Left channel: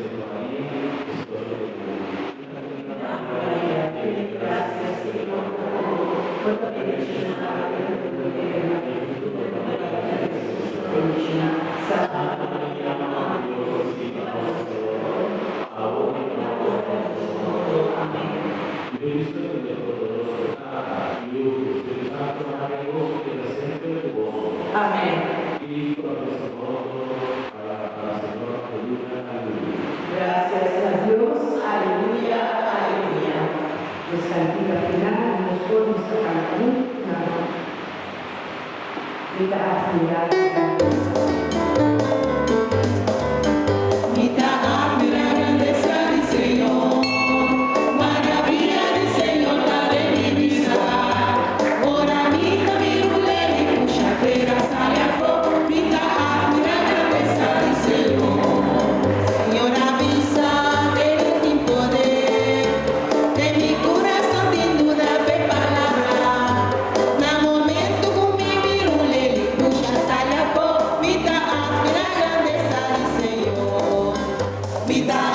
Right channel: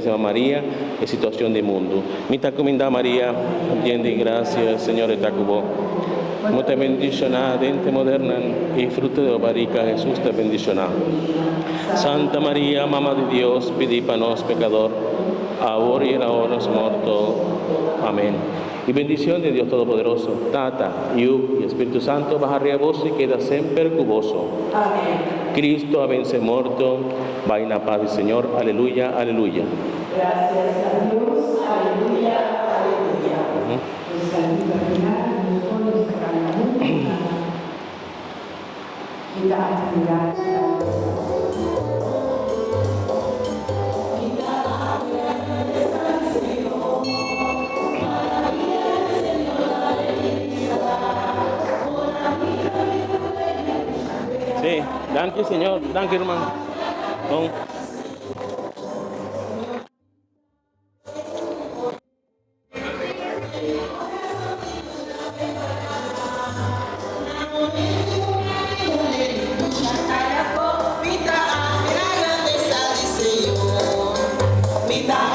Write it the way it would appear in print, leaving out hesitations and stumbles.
María, en situación de mundo. Mita cominda María, llena de gracia, el Señor está con vos. Mucha bendicionada entre moderna y fruto de barriga Jesús te bendicionado. Santa María, Mamá de Dios, pedí para nos pecador, ahora y en la hora de nuestra muerte. Amén. Y bendición de Dios Todopoderoso, Tata, Hijo y Espíritu Santo, bajaré a vos y queda siempre cuboso. Amén. Cristo a vence muerto, va en la paz del Señor. Aleluya, aleluya. Gracias a Dios. Aleluya, aleluya. Dios salve María, los pueblos de la Vida